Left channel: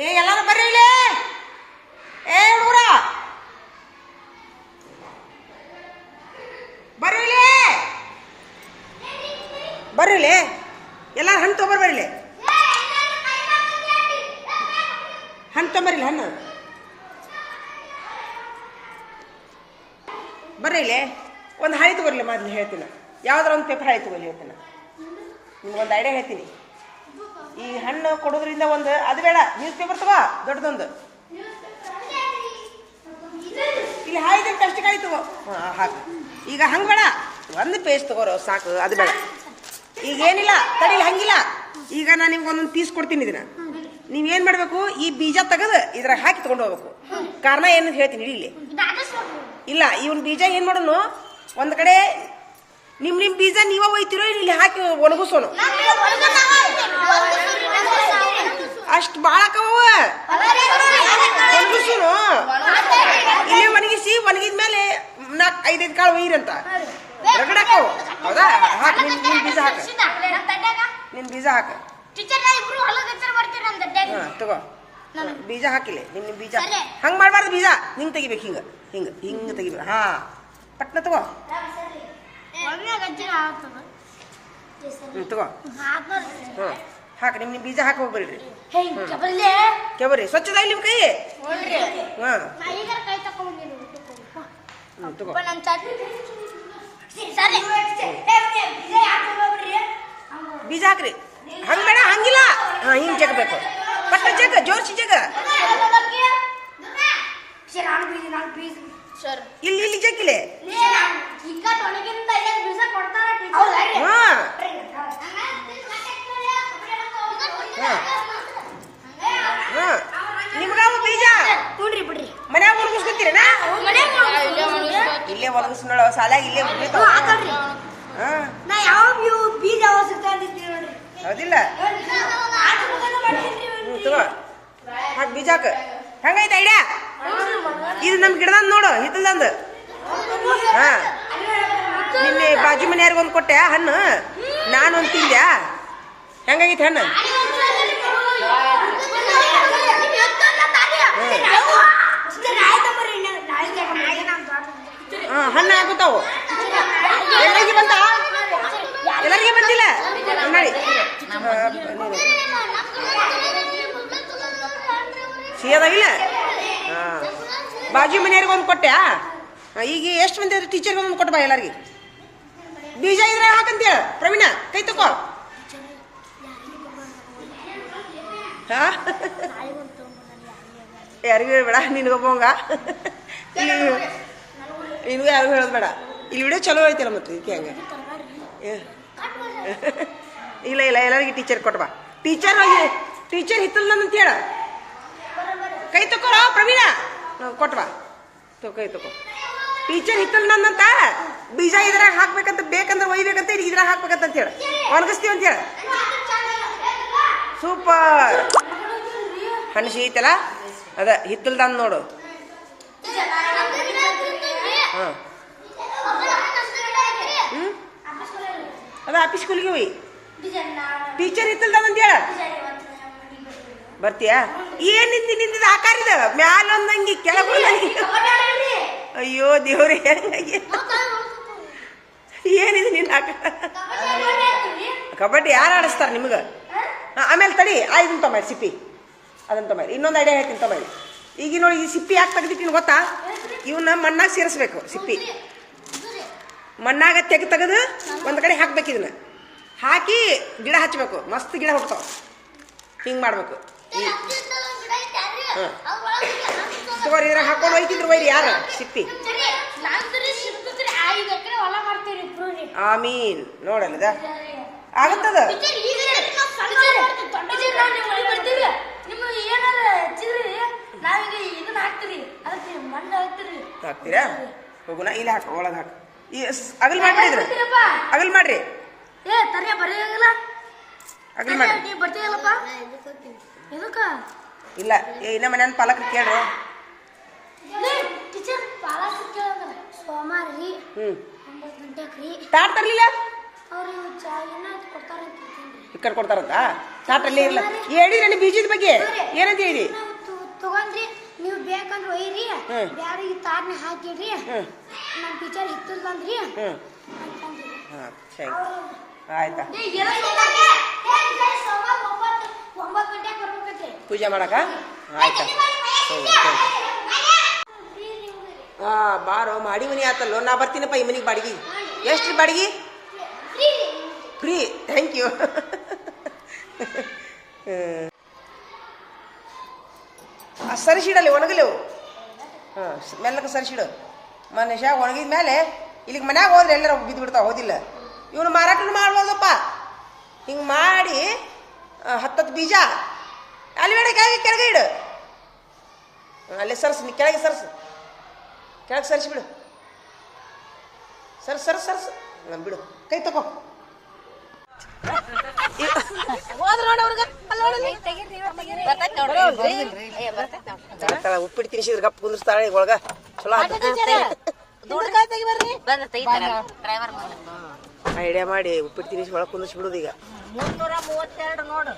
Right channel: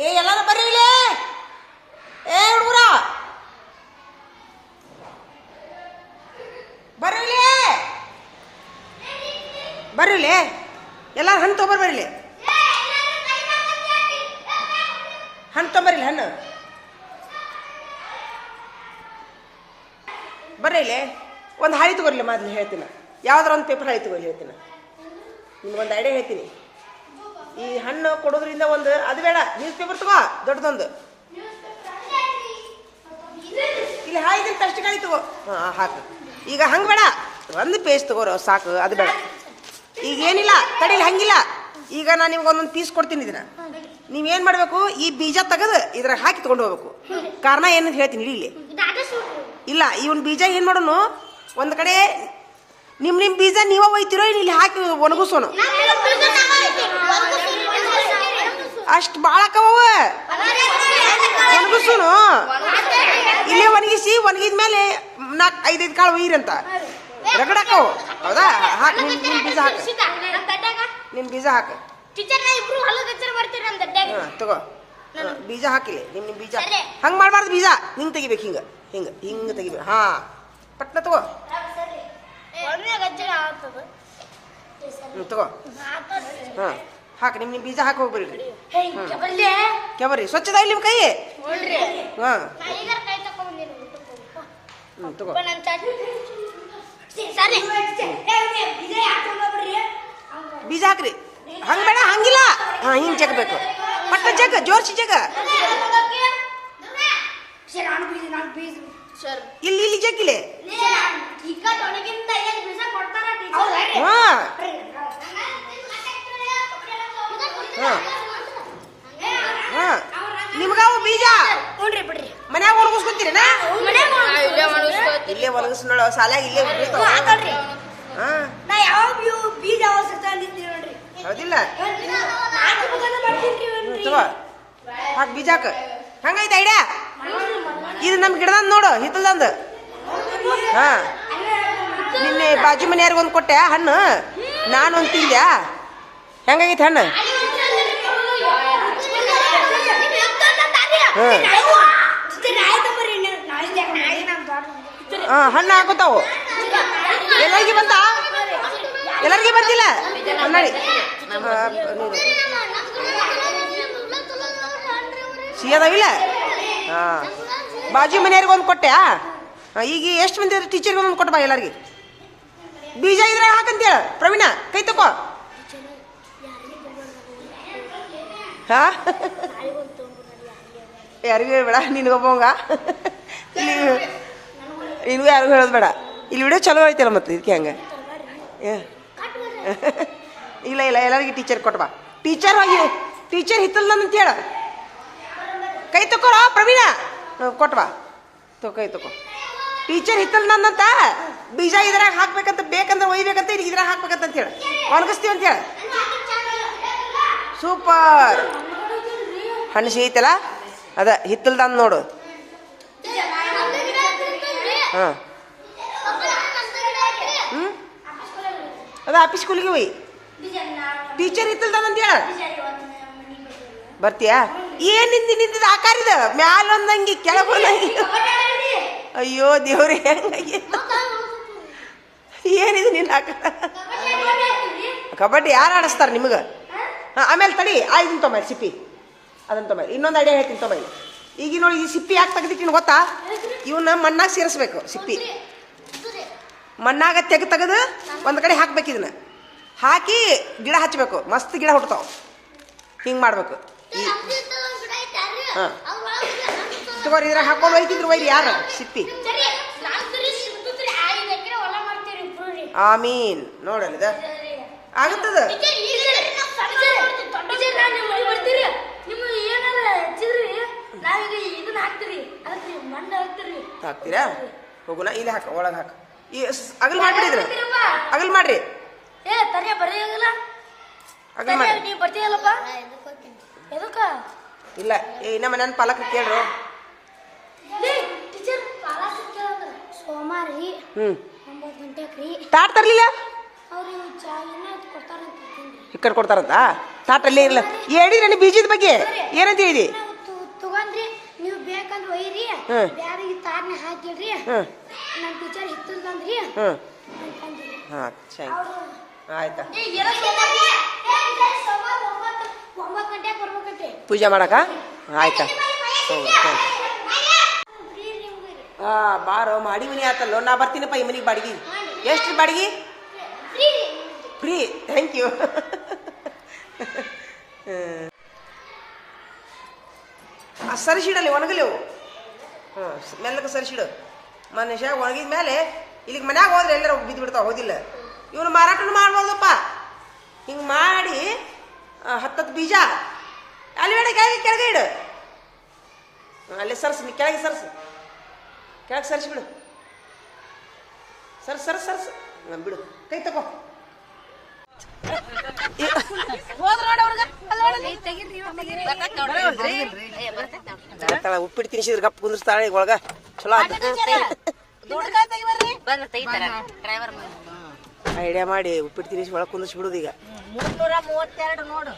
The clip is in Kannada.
ಏ, ಎಲ್ಲಾರು ಬರ್ರಿ ಇಲ್ಲಿ. ಏ, ಹುಡುಗರ. ಬರ್ರಿ ಬರ್ರಿ ಇಲ್ಲಿ. ಎಲ್ಲಾರು ಹಣ್ಣು ತೊಗೊಂಬರ್ ಬರ್ರಿ ಇಲ್ಲಿ. ಹಣ್ಣು ತೊಂಬರಿಲ್ಲ ಹಣ್ಣು. ಬರ್ರಿ ಇಲ್ಲೇ. ಒಂದು ಹಾಳಿ ತಗೋರ್ಲಿ ಮೊದ್ಲು ಹೇಳ್ತೀನಿ. ಯಾವ್ದಾರ ಒಂದು ಪೇಪರ್ ಹಾಳಿ ತಗೋರಿ, ಹೇಳ್ತೀನಿ. ನಿಮ್ಗೊಂದು ಐಡಿಯಾ ಹೇಳ್ತೀನಿ. ಈ ಹಣ್ಣು ಕೊಡೋದ್ರಿಂದ ಒಂದು, ಅದು ಬೇಡ ನ್ಯೂಸ್ ಪೇಪರ್ ತಗೋ, ದೊಡ್ಡದೊಂದು. ಇಲ್ಲಿ ಹಾಯ್ದಂತ ಅಷ್ಟು ಕಾಯಿ ತಗೋ. ಹಾಕು ಈಗ ಹಂಗೆ ಬೇಡ. ಒಂದು ಪೇಸ್ಟ್ ತಗೋರು, ಸಾಕು, ಅದು ಬೇಡ. ಈಗ ಏನಿಲ್ಲ, ತಡಿ, ಹಂಗಿಲ್ಲ. ಈಗ ನಾನು ನಿಮ್ಗೆ ಒಂದೊಂದು ಪೀಸ್ ಕೊಡ್ತೀನಿ ಇದನ್ನ. ನೀವೇನು ಮಾಡಬೇಕು? ಈ ಬೀಜ ತೆಗೆದು ಇದ್ರಾಗ ಹಾಕಿ ತಗೊಂಡು ಹೋಗ್ಬೇಕು. ಕಾರಣ ಏನಂತ ಹೇಳ್ತೀನಿ ಇಲ್ಲಿ ಇಲ್ಲ, ಇವನ್ ಬೀಜ ಏನು ಮಾಡೋನು? ಒಂದು ಕಡೆ ನಿಮ್ಮ ನಿಮ್ಮ ಬೀಜ ನೀವೇ ಒಯ್ತಿರೋ ಇಲ್ಲಿ ಹಾಕಿ ಒಣಗಿಸೋನು. ಅಷ್ಟು ಭಾಳ ಅಕ್ಕವ ಇಲ್ಲೇ ಒಣಗಿಸಿ, ಒಣಗಿದ ಮೇಲೆ ನಾಲ್ಕು ಐದೈದು ಕಾಳು ಒಯ್ಯಿರಂತ ರಗಡಕ್ಕವು ಹೌದಾ? ಹಾಕಿ, ನಿನ್ ನಿನ್ ಬೀಜ ಹಾಕ. ನಿನ್ನ ಬೀಜ ಹಾಕ. ತಗೋ. ಬೀಜ ಹಾಕಿಲ್ಲ ನಿಮ್ ಬೀಜ ಹಂಗೆ ಹಂಗ್ ಮಾಡ್ಬಾರ್ದು ಬೀಜ. ಹಿಂಗ್ ತೆಗಿಬೇಕು, ಹಿಂಗ. ಹಿಂಗ ಹಿಂಗ ತೆಗಿಬೇಕು. ಹಾ. ಪಟ್ನ ತಗೋ. ಹ್ಮ್ ತಗೋ. ಹಾ ಹಾಕ ನಿಮ್ ನಿಮ್ ಬೀಜ ಹಾಕಿ ಹೋಗ್ಬರ್ರಿ ಕೆಬರಿ ಸ್ವಚ್ಛದ ಇಲ್ಲಿ ನಿಮ್ ಕೈ? ಹಾ. ತಗೋ. ಬೀಜ ಹಾಕ್ರಿ. ಹಂಗ ಬೇಡ ಹಂಗಿಲ್ಲ. ಹಾ ಹಿಂಗ್ ಜಗಬೇಕು ಪಟ್ಟ ಜಗ ಜೋರ್ಸಿ ಜಗ. ಇಲ್ಲಿ ಇಲ್ಲಿ ಜಗ್ಗಿಲೆ ಈಗ ತೊಡಗಿಂದ ಐದು ಬೀಜ ಕೊಡ್ತಾರ ಹಾ ಹಾ ಹಾ ನಿಮ್ಗಾವ ಬೀಜ ನೋಡ್ರಿ ಬಿಡ್ರಿ ಮನ್ಯಾಗ ಒಣಗಿಸ್ಕೊತೀರೇನ ಇಲ್ಲೇ ಒಣಗಿಸ್ನೋಳ ಸಾಲ ಇಲ್ಲೇ ನಾ ಯಾವ ಬೀಜ ಹೌದಿಲ್ಲ. ಹಾಕ್ ಬೀಜ ಹಾಕ. ಹಂಗೈತೆ ಐಡಿಯಾ? ಇದು ನಮ್ ಗಿಡದಂದ್ ನೋಡು ಹಿತ್ತಲ್ದಂದು. ಹಾ. ನಿನ್ನೆ ಬಾಜು ಮನೆಯವ್ರಿಗೆ ಒಂದು ಕೊಟ್ಟೆ ಹಣ್ಣು. ನಾನು ಒಂದು ತಿಂದ್ಯಾ? ಹೆಂಗಾಗೈತೆ ಹಣ್ಣು? ಹಾ ಹಣ್ಣು ಹಾಕ್ಬಿಡ್ತಾವು ಎಲ್ಲರಿಗೆ ಬಂತ? ಎಲ್ಲರಿಗೆ ಬಂದಿಲ್ಲ? ನೋಡಿ ಸಿಹಿದಾವಿಲ್ಲ ಹಾ ಬಾಜು ಮನೆಯವ್ರಿಗೆ ಒಂದು ಕೊಟ್ಟೆ ಈಗ ಎಷ್ಟು ಮಂದಿ ಟೀಚರ್ ಒಂದು ಕೊಟ್ಟು ಬಾ ಎಲ್ಲರಿಗೆ. ಬೀಜ ಇದ್ರೆ ಹಾಕಂತೇಳ ಪ್ರವೀಣ ಕೈ ತಕೋ. ಹಾ? ಯಾರಿಗೂ ಹೇಳ್ಬೇಡ ನಿನಗೊಬ್ಬವಂಗ. ನಿನಗೂ ಯಾರು ಹೇಳೋದು ಬೇಡ. ಇಲ್ಲಿ ವಿಡಿಯೋ ಚಲೋ ಐತಲ್ಲ ಮತ್ತೆ ಇದಕ್ಕೆ ಹಂಗೆ? ಇಲ್ಲ ಇಲ್ಲ, ಎಲ್ಲರಿಗೂ ಟೀಚರ್ ಕೊಟ್ಬಾ ಟೀಚರ್ ಆಗಿ ಟೀಚರ್ ಹಿತ್ತಲ್ಲ ಅಂತ ಹೇಳ. ಕೈ ತಕೋರ ಪ್ರವೀಣ? ಕೊಟ್ವಾ ತೊ ಕೈ ತಕೋ ಟೀಚರ್ ಹಿತ್ತಲ್ ಅಂತ? ಬೀಜ ಇದ್ರಾಗ ಹಾಕ್ಬೇಕಂತ ಬೇಕಂದ್ರೆ ಒಯ್ಬೇಕಂತ ಇಲ್ಲಿ ಇದ್ರಾಗ ಹಾಕ್ಬೇಕಂತ ಅಂತ ಹೇಳ. ಒಣಗಿಸ್ತೀವಿ ಅಂತ ಹೇಳ. ಸೂಪರ್ ಹಣ್ಣು ಸಿಗೈತಲ್ಲ ಅದ, ಹಿತ್ತಲ್ದಂದು ನೋಡು. ಹಾಂ. ಹ್ಞೂ ಅದ ಆಫೀಸ್ ಸ್ಕೂಲಿಗೆ ಹೋಯ್. ಟೀಚರ್ ಇತ್ತಲ್ದಂತ ಹೇಳ ಬರ್ತೀಯಾ? ಏನು ನಿಂದ ನಿಂದ ಇದೆ ಮ್ಯಾಲೊಂದಂಗಿ ಕೆಳಗೆ ಒಂದಂಗಿ. ಅಯ್ಯೋ, ದೇವ್ರೆ ಹೆಂಗಾಗಿ ಏನಿದೆ ನಿನ್ನ ಆಕಾರ ಕಬಡ್ಡಿ ಯಾರು ಆಡಿಸ್ತಾರೆ ನಿಮಗೆ? ಹಾಂ, ಆಮೇಲೆ ತಡಿ. ಆ ಇದನ್ನ ಸಿಪ್ಪಿ. ಅದನ್ನ ತೊಂಬರಿ. ಇನ್ನೊಂದು ಐಡಿಯಾ ಹೇಳ್ತೀನಿ, ತೊಂಬರಿ. ಈಗ ನೋಡಿ, ಈ ಸಿಪ್ಪಿ ಯಾಕೆ ತೆಗ್ದಿಟ್ಟಿನ ಗೊತ್ತಾ? ಇವನ್ನ ಮಣ್ಣಾಗ ಸೇರಿಸ್ಬೇಕು ಸಿಪ್ಪಿ. ಮಣ್ಣಾಗ ತೆಗೆ ತೆಗೆದು ಒಂದು ಕಡೆ ಹಾಕ್ಬೇಕು ಇದನ್ನ. ಹಾಕಿ ಗಿಡ ಹಚ್ಚಬೇಕು ಮಸ್ತ್ ಗಿಡ ಹುಡ್ತಾವ ಹಿಂಗೆ ಮಾಡ್ಬೇಕು. ಹಾಂ. ತಗೋರಿ ಇದ್ರಾಗ ಹಾಕೊಂಡು ಹೋಯ್ತಿದ್ರು ಒಯ್ರಿ ಯಾರು? ಸಿಪ್ಪಿ. ಆಮೀನ್. ನೋಡಲ್ಲ ಆಗತ್ತದ? ನಿಮ್ಮ ಏನಾರ ಹೆಚ್ಚಿದ್ರಿ? ನಾವೀಗ ಇದನ್ನ ಹಾಕ್ತಿರಿ. ಅದಕ್ಕೆ ಮಣ್ಣು ಹಾಕ್ತಿರಿ. ಹಾಕ್ತೀರಾ? ಹೋಗುನ ಇಲ್ಲಿ ಹಾಕ ಒಳಗೆ ಹಾಕ. ಈ ಅಗಲ್ ಮಾಡ್ಬಿಡಿದ್ರ. ಅಗಲ್ ಮಾಡ್ರಿ. ಏ ತರಿಯ ಬರೆಯಾಗಲ್ಲ ಅಗಲ್. ಮಾಡ್ರಿ. ನೀ ಬರ್ತೀಯಲ್ಲಪ್ಪ ಎದಕ್ಕ? ಇಲ್ಲ ಏ ಇನ್ನ ಮನ್ಯಾನ ಪಾಲಕ್ರು ಕೇಳ್ರು. ಟೀಚರ್ ರೀ. ಒಂಬತ್ತು ಗಂಟೆಗೆ ರೀ. ತಾಟ್ ತರ್ಲಿಲ್ಲ? ಅವ್ರು ಕೊಡ್ತಾರಂತ ಹಿಕ್ಕರ್ ಕೊಡ್ತಾರಂತ? ಇಲ್ಲ. ಇರಲ್ಲ ಹೇಳಿದ್ರಲ್ಲಿ ಬೀಜದ ಬಗ್ಗೆ? ಏನಂತ ಹೇಳಿದಿ? ನೀವು ಒಯ್ರಿ. ಬ್ಯಾರಿಗೆ ತಾರ್ನ ಹಾಕಿಡ್ರಿ. ನನ್ನ ಟೀಚರ್ ಹಿತ್ತಲ್ ಬಂದ್ರಿ. ಆಯ್ತಾ? ಪೂಜೆ ಮಾಡಕ? ಆಯ್ತಾ? ಹಾ ಬಾರೋ ಮಾಡಿ ಮನಿ ಆತಲ್ಲೋ? ನಾ ಬರ್ತೀನಪ್ಪ ಈ ಮನಿಗೆ ಬಾಡಿಗೆ. ಎಷ್ಟು ಬಾಡಿಗೆ? ಫ್ರೀ. ಥ್ಯಾಂಕ್ ಯು ಸರಿಸಿಡಲಿ ಒಣಗಲೆವು. ಹಾಂ ಮೆಲ್ಲಕ್ಕೆ ಸರಿಸಿಡು ಮನುಷ್ಯ ಒಣಗಿದ ಮೇಲೆ ಇಲ್ಲಿಗೆ ಮನ್ಯಾಗ ಹೋದ್ರೆ ಎಲ್ಲರೂ ಬಿದ್ದು ಬಿಡ್ತಾವೆ, ಹೋದಿಲ್ಲ? ಇವನು ಮಾರಾಟ ಮಾಡ್ಬೋದಪ್ಪ. ಹಿಂಗೆ ಮಾಡಿ ಹತ್ತತ್ತು ಬೀಜ. ಅಲ್ಲಿ ಬೇಡ, ಕೆಳಗೆ ಕೆಳಗೆ ಇಡು. ಅಲ್ಲೇ ಸರ್ಸು, ನೀ ಕೆಳಗೆ ಸರ್ಸು. ಕೆಳಗೆ ಸರಿಸಿ ಬಿಡು. ಸರ್ಸು ಸರ್ಸು, ಸರ್ಸ್. ಬಿಡು. ಕೈ ತಗೋ ಉಪ್ಪಿಟ್ಟು ತಿನ್ಸಿದ್ರೆ ಗಪ್ಪ ಕುಂದಿರ್ತಾಳೆ ಒಳಗ. ಚಲೋ ಐಡಿಯಾ ಮಾಡಿ ಉಪ್ಪಿಟ್ಟು ತಿನ್ನಿಸಿ ಒಳಗೆ ಕುಂದಿಸ್ ಬಿಡುದು ಈಗ ನೋಡು.